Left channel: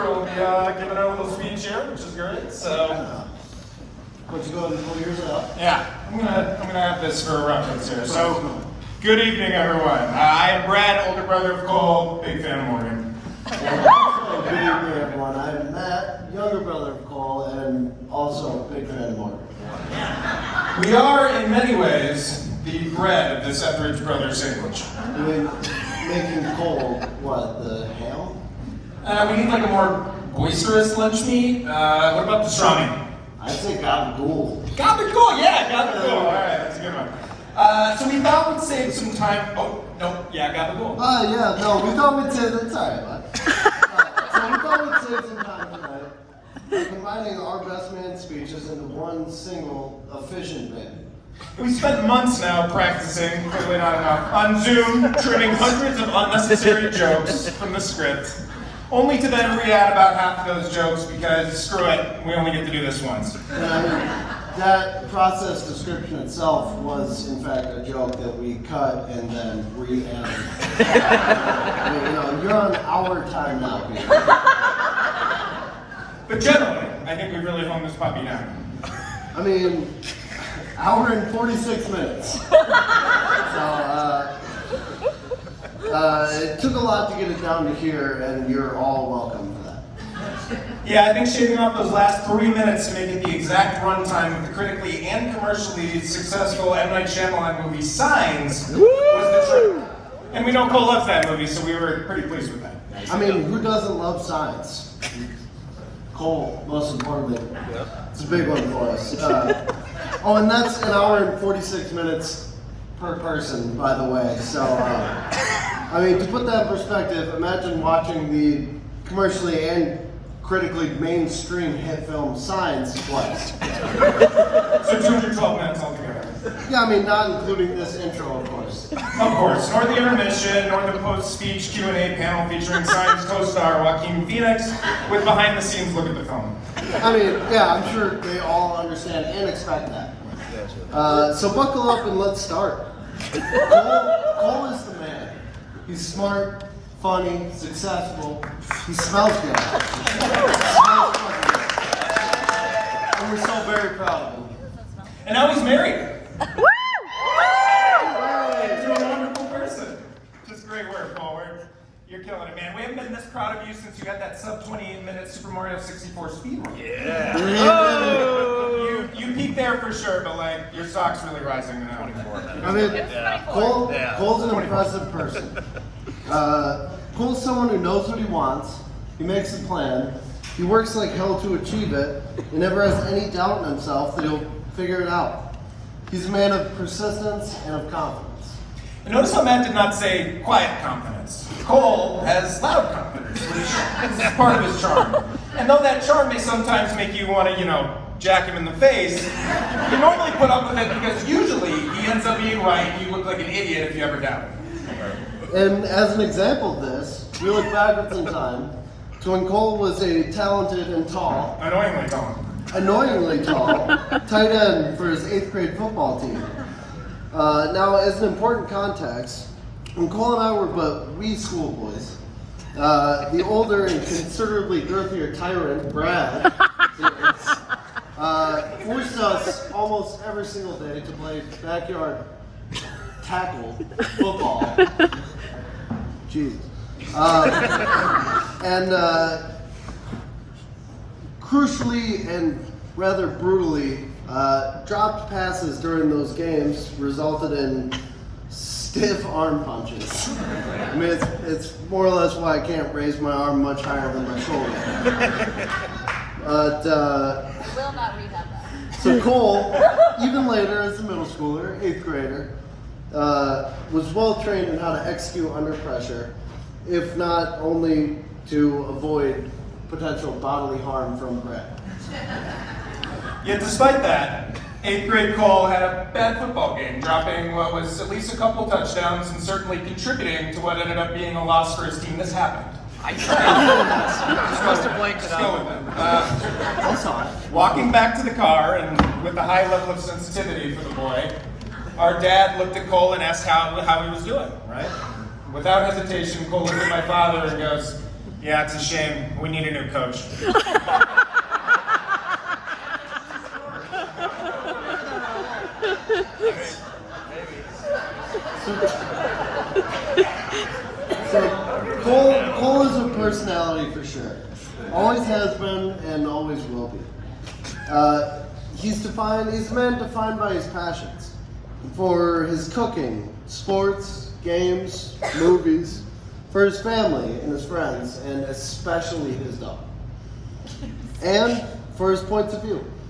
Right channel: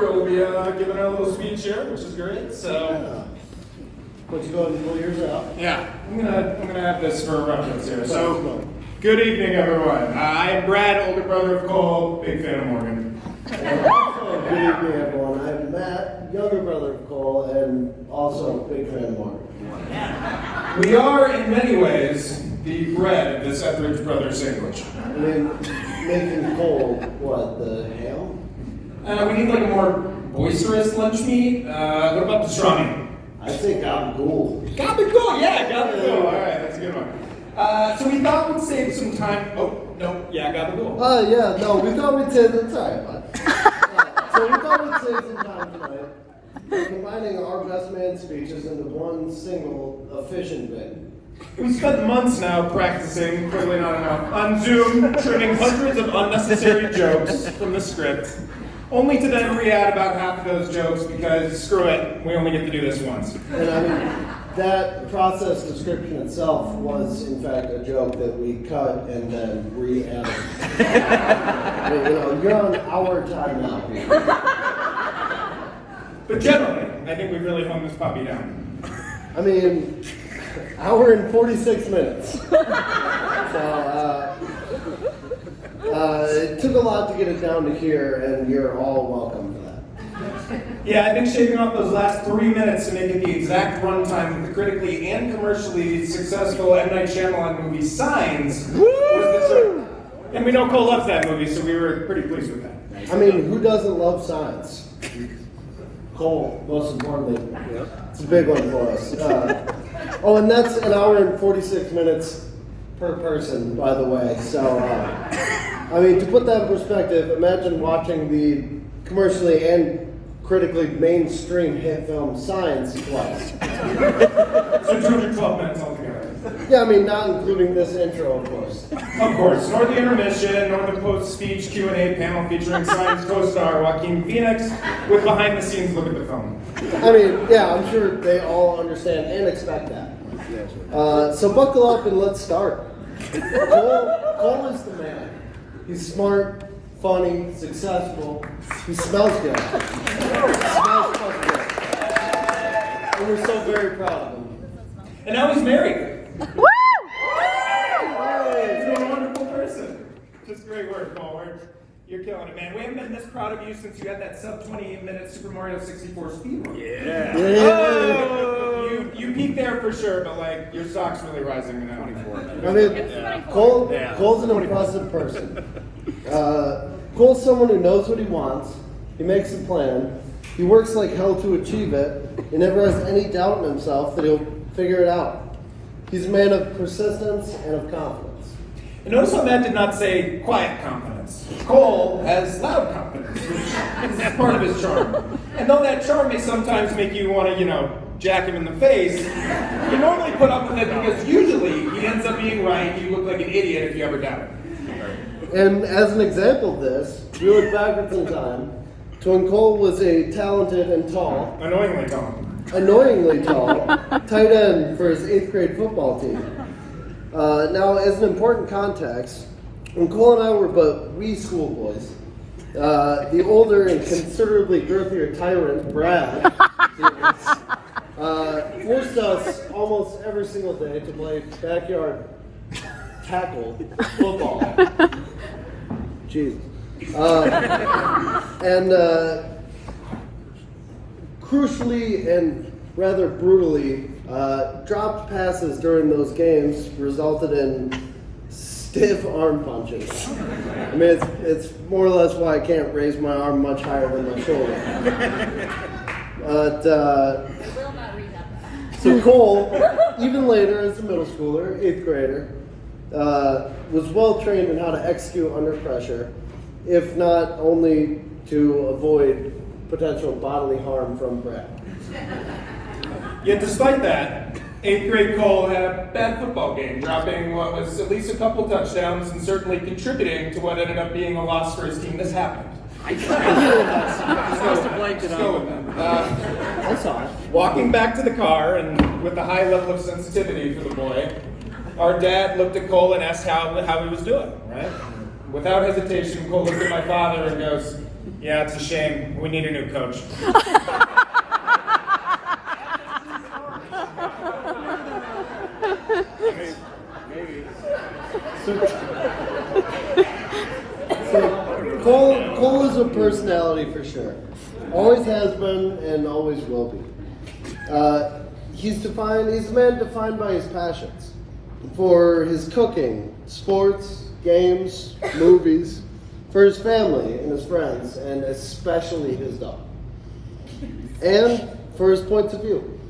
Cooper will be giving our little speech here, which is great. So, What you going to pull yours out? yeah, I'm gonna have this for reference here. So, good evening, everyone. I am Brad, older brother of Cole, big fan of Morgan. Good evening, everyone. I'm Matt, younger brother of Cole, and also a big fan of Morgan. We are, in many ways, the bread of this Etheridge Brothers sandwich. I mean, making Cole, what, the ham? We need like a more boisterous lunch meat. What about pastrami? I'd say gabagool. Gabagool, yeah, gabagool. All right, that's a good one. So we thought we'd save some time. Oh, no, yeah, gabagool. Yeah, no, we thought we'd save some time, bud. So we thought we'd save some time tonight by combining our best man speeches into one single efficient bit. We spent months now practicing, clearly not enough, on Zoom, trimming hundreds of unnecessary jokes from the script, only to then re-add about half of those jokes because, screw it, we only get to do this once. And I mean, that process description itself was, in fact, a joke that we cut and then re-added. You know, you're on our time now, Peter. But generally, I think we really honed this puppy down. I mean, hour and 46 minutes. So, it took a lot to get it down to here, and you're all welcome for that. Yeah, I think shaving off those last 3 minutes to make it the exact runtime of the critically and commercially successful M. Night Shyamalan movie Signs was the trick. And we know Cole loves that movie, so we were pretty pleased with that. I mean, who doesn't love science? Cole, most importantly. It's a big one for us. Oh, and that's an hour and 46 minutes per person, by the way. So, I mean, to put that in perspective, imagine watching the commercially and critically mainstream hit film Signs twice. So 212 minutes altogether. Yeah, I mean, not including this intro, of course. Of course, nor the intermission, nor the post-speech Q&A panel featuring Signs co-star Joaquin Phoenix with behind-the-scenes look at the film. I mean, yeah, I'm sure they all understand and expect that. So buckle up and let's start. Cole is the man. He's smart, funny, successful. He smells good. He smells fucking good. And we're so very proud of him. And now he's married. Woo! He's a wonderful person. Just great work, Paul. You're killing it, man. We haven't been this proud of you since you had that sub 28-minute Super Mario 64 speed run. Yeah. You peaked there for sure, but like your stock's really rising now. I mean, Cole's an impressive person. Cole's someone who knows what he wants. He makes a plan. He works like hell to achieve it. He never has any doubt in himself that he'll figure it out. He's a man of persistence and of confidence. And notice how Matt did not say quiet confidence. Cole has loud confidence, which is part of his charm. And though that charm may sometimes make you want to, jack him in the face, you normally put up with it because usually he ends up being right and you look like an idiot if you ever doubt him. And as an example of this, we look backwards in time to when Cole was a talented and tall, annoyingly tall, tight end for his 8th grade football team. Now, as an important context, when Cole and I were but wee schoolboys, the older and considerably girthier tyrant, Brad, forced us almost every single day to play backyard tackle football. Jesus. And crucially and rather brutally, dropped passes during those games resulted in stiff arm punches. I mean, it's more or less why I can't raise my arm much higher than my shoulder. But, so Cole, even later as a middle schooler, 8th grader, was well trained in how to execute under pressure, if not only to avoid potential bodily harm from Brad. Yet despite that, 8th grade Cole had a bad football game, dropping what was at least a couple touchdowns and certainly contributing to what ended up being a loss for his team. This happened. I saw it. Walking back to the car and with a high level of sensitivity for the boy, our dad looked at Cole and asked how he was doing, right? Without hesitation, Cole looked at my father and goes, Yeah, it's a shame. We need a new coach. So Cole is a personality for sure. Always has been and always will be. He's a man defined by his passions. For his cooking, sports, games, movies, for his family and his friends, and especially his dog. And for his points of view.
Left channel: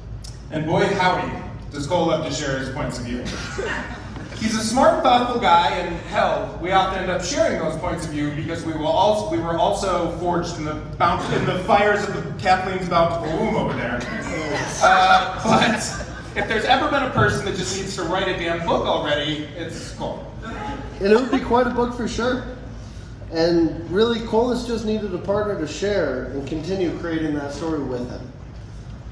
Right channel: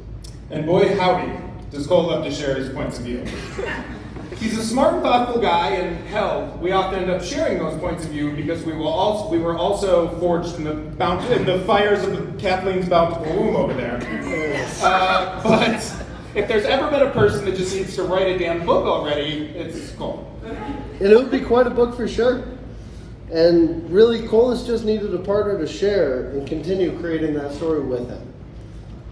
And boy howdy, does Cole love to share his points of view. He's a smart and thoughtful guy, and hell, we often end up sharing those points of view because we were also forged in the fires of Kathleen's bountiful womb over there. But if there's ever been a person that just needs to write a damn book already, it's Cole. And it would be quite a book for sure. And really, Cole has just needed a partner to share and continue creating that story with him.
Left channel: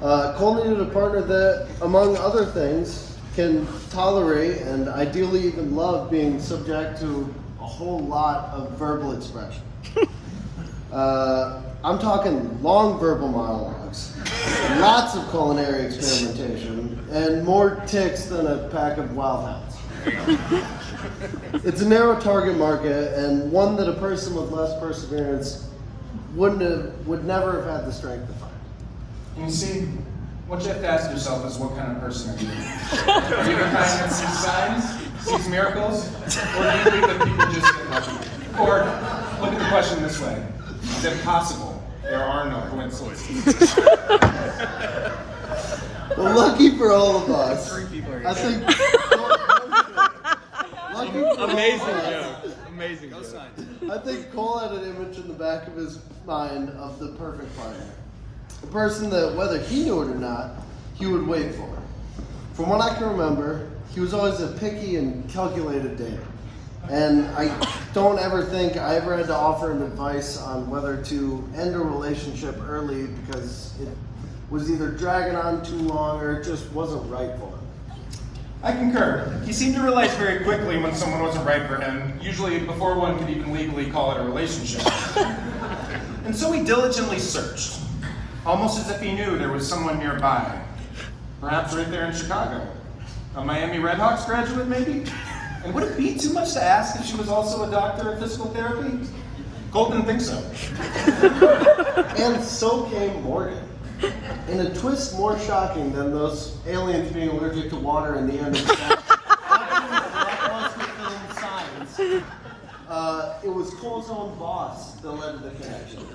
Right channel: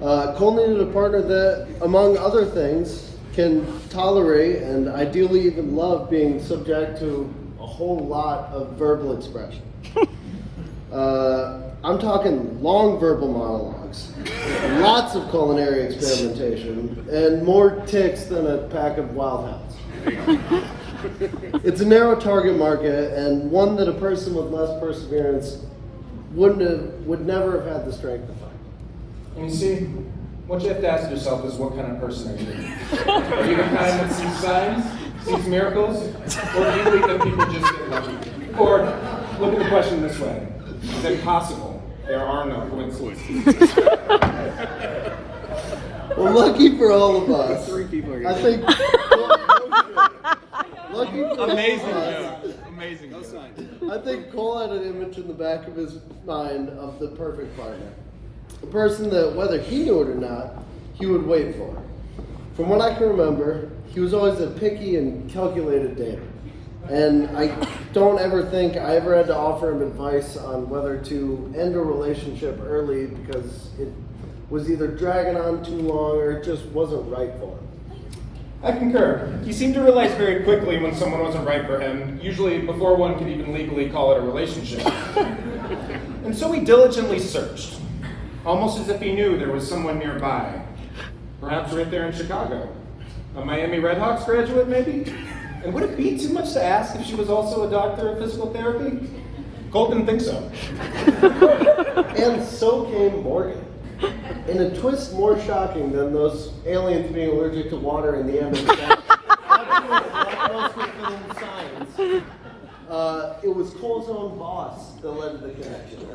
Cole needed a partner that, among other things, can tolerate and ideally even love being subject to a whole lot of verbal expression. I'm talking long verbal monologues, lots of culinary experimentation, and more ticks than a pack of wild hounds. It's a narrow target market, and one that a person with less perseverance would never have had the strength to find. And you see, what you have to ask yourself is, what kind of person are you? Are you the kind that sees signs, sees miracles, or do you believe that people just get lucky? Or look at the question this way: is it possible there are no coincidences? Well, lucky for all of us. I think. Lucky for Amazing, all of us. yeah. Amazing. No sign. I think Cole had an image in the back of his mind of the perfect partner. A person that, whether he knew it or not, he would wait for. From what I can remember, he was always a picky and calculated dater. And I don't ever think I ever had to offer him advice on whether to end a relationship early because it was either dragging on too long or it just wasn't right for him. I concur. He seemed to realize very quickly when someone wasn't right for him, usually before one could even legally call it a relationship. And so he diligently searched, almost as if he knew there was someone nearby. Perhaps right there in Chicago. A Miami Redhawks graduate, maybe? And would it be too much to ask if she was also a doctor of physical therapy? Cole didn't think so. And so came Morgan. In a twist more shocking than those aliens being allergic to water in the end of the it was Cole's own boss that led to the connection.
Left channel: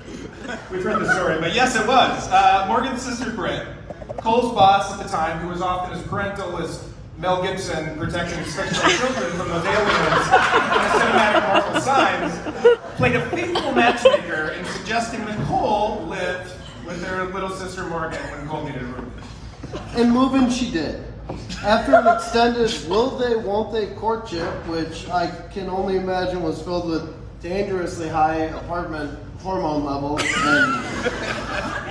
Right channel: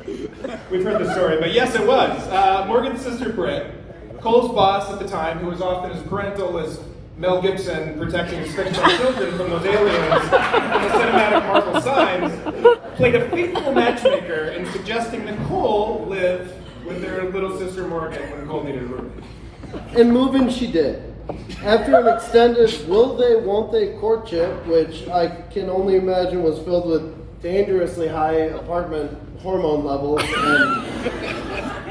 We've heard the story, but yes, it was. Morgan's sister Britt, Cole's boss at the time, who was often as parental as Mel Gibson protecting his fictional children from those aliens in the cinematic Marvel signs, played a faithful matchmaker in suggesting that Cole lived with their little sister Morgan when Cole needed a room. And move in she did. After an extended will they, won't they courtship, which I can only imagine was filled with dangerously high apartment hormone levels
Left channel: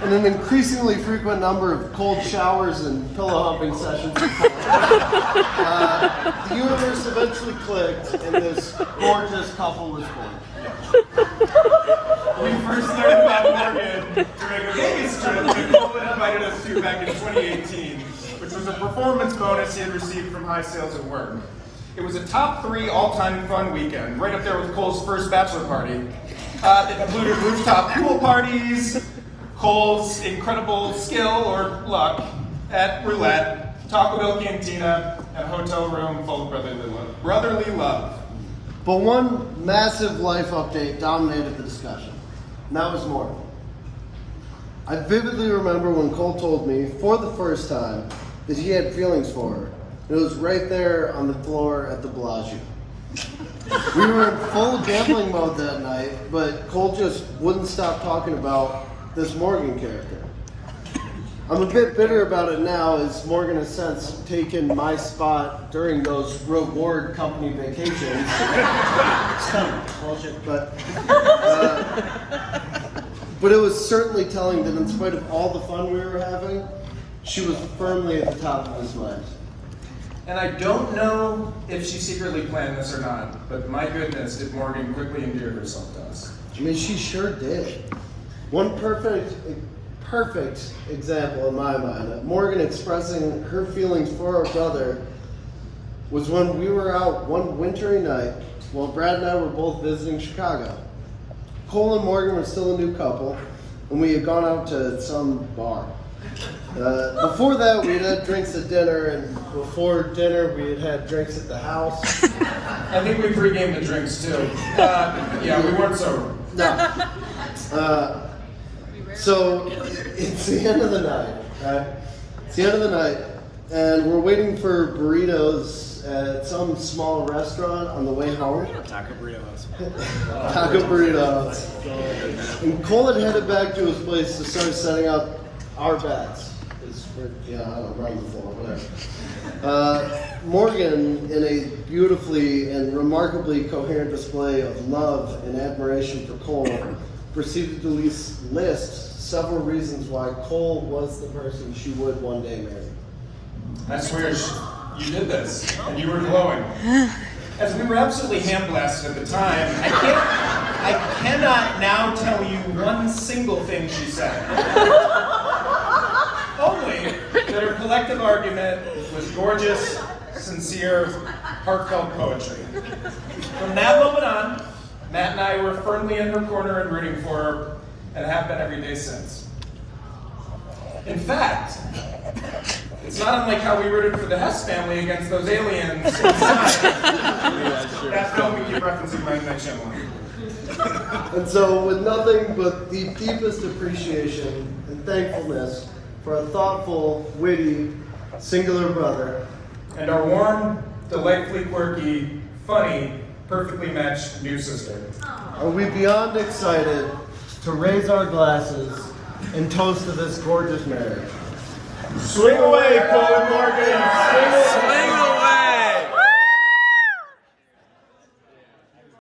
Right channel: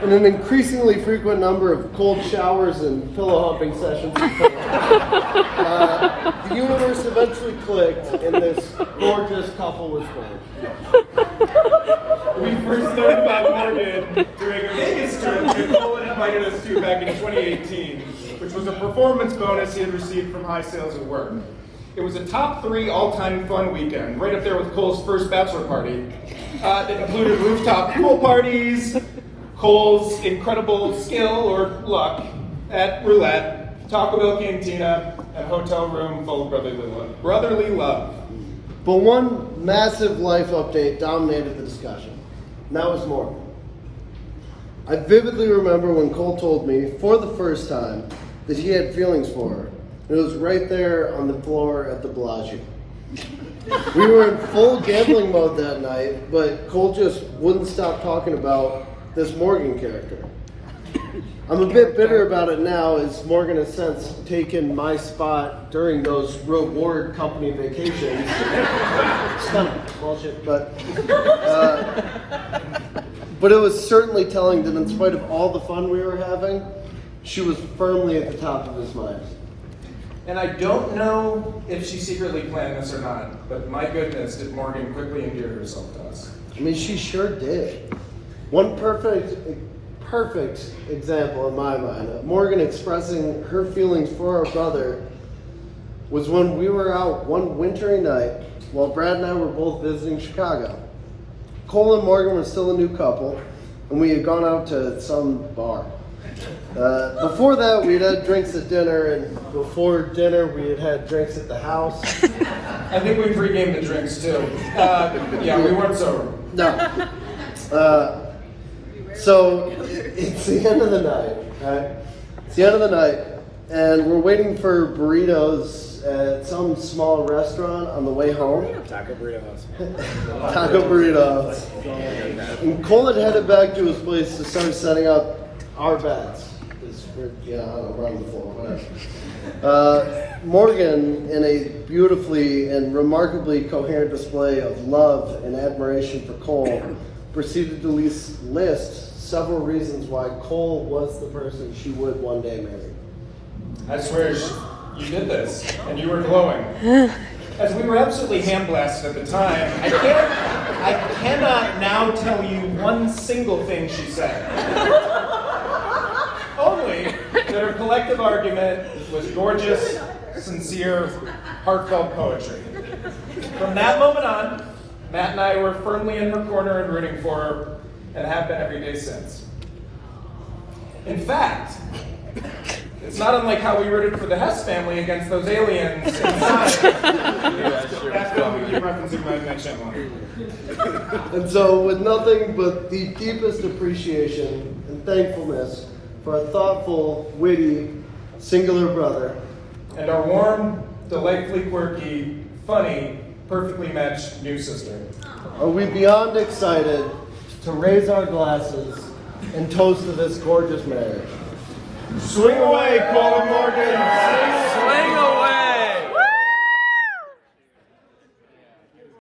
and an increasingly frequent number of cold showers and pillow humping sessions, the universe eventually clicked and this gorgeous couple was formed. We first learned about Morgan during a Vegas trip that Cole had invited us to back in 2018, which was a performance bonus he had received from high sales at work. It was a top 3 all-time fun weekend, right up there with Cole's first bachelor party. It included rooftop pool parties, Cole's incredible skill or luck at roulette, Taco Bell cantina, and a hotel room full of brotherly love. But one massive life update dominated the discussion, and that was Morgan. I vividly remember when Cole told me, for the first time, that he had feelings for her. It was right there on the floor at the Bellagio. We were in full gambling mode that night, but Cole just wouldn't stop talking about this Morgan character. I'm a bit bitter about it now, as Morgan has since taken my spot during those reward company vacations. It's kind of bullshit, but it was certainly telling that in spite of all the fun we were having, she was firmly at the top of his mind. And I don't know if she secretly planned this or not, but my goodness, did Morgan quickly endear herself to us. I mean, she sure did. One perfect example in my mind of Morgan expressing her feelings for our brother was when we were out one wintry night while Brad and I were both visiting Chicago. Cole and Morgan were still a new couple, and we had gone out to some bar. Before that, we'd had drinks at dinner, and before dinner, we had had drinks at the house. I think we pre-gamed the drinks too. Yeah, we weren't sober. No. So it's the end of the night, right? It's the end of the night, and we're waiting for burritos at some small restaurant on the way home. Taco burritos. Taco burritos. And Cole had headed back to his place to start setting up our bets. Because we're on the floor, whatever. Morgan, in a beautifully and remarkably coherent display of love and admiration for Cole, proceeded to list several reasons why Cole was the person she would one day marry. I swear you did this, and you were glowing. As we were absolutely ham-blasted at the time, I cannot now tell you one single thing she said. Only that her collective argument was gorgeous, sincere, heartfelt poetry. From that moment on, Matt and I were firmly in her corner and rooting for her, and have been every day since. In fact, it's not unlike how we rooted for the Hess family against those aliens inside. That film we keep referencing right in that channel. And so, with nothing but the deepest appreciation and thankfulness for a thoughtful, witty, singular brother, and our warm, delightfully quirky, funny, perfectly matched new sister, are we beyond excited to raise our glasses and toast to this gorgeous marriage. Swing away, Cole and Morgan!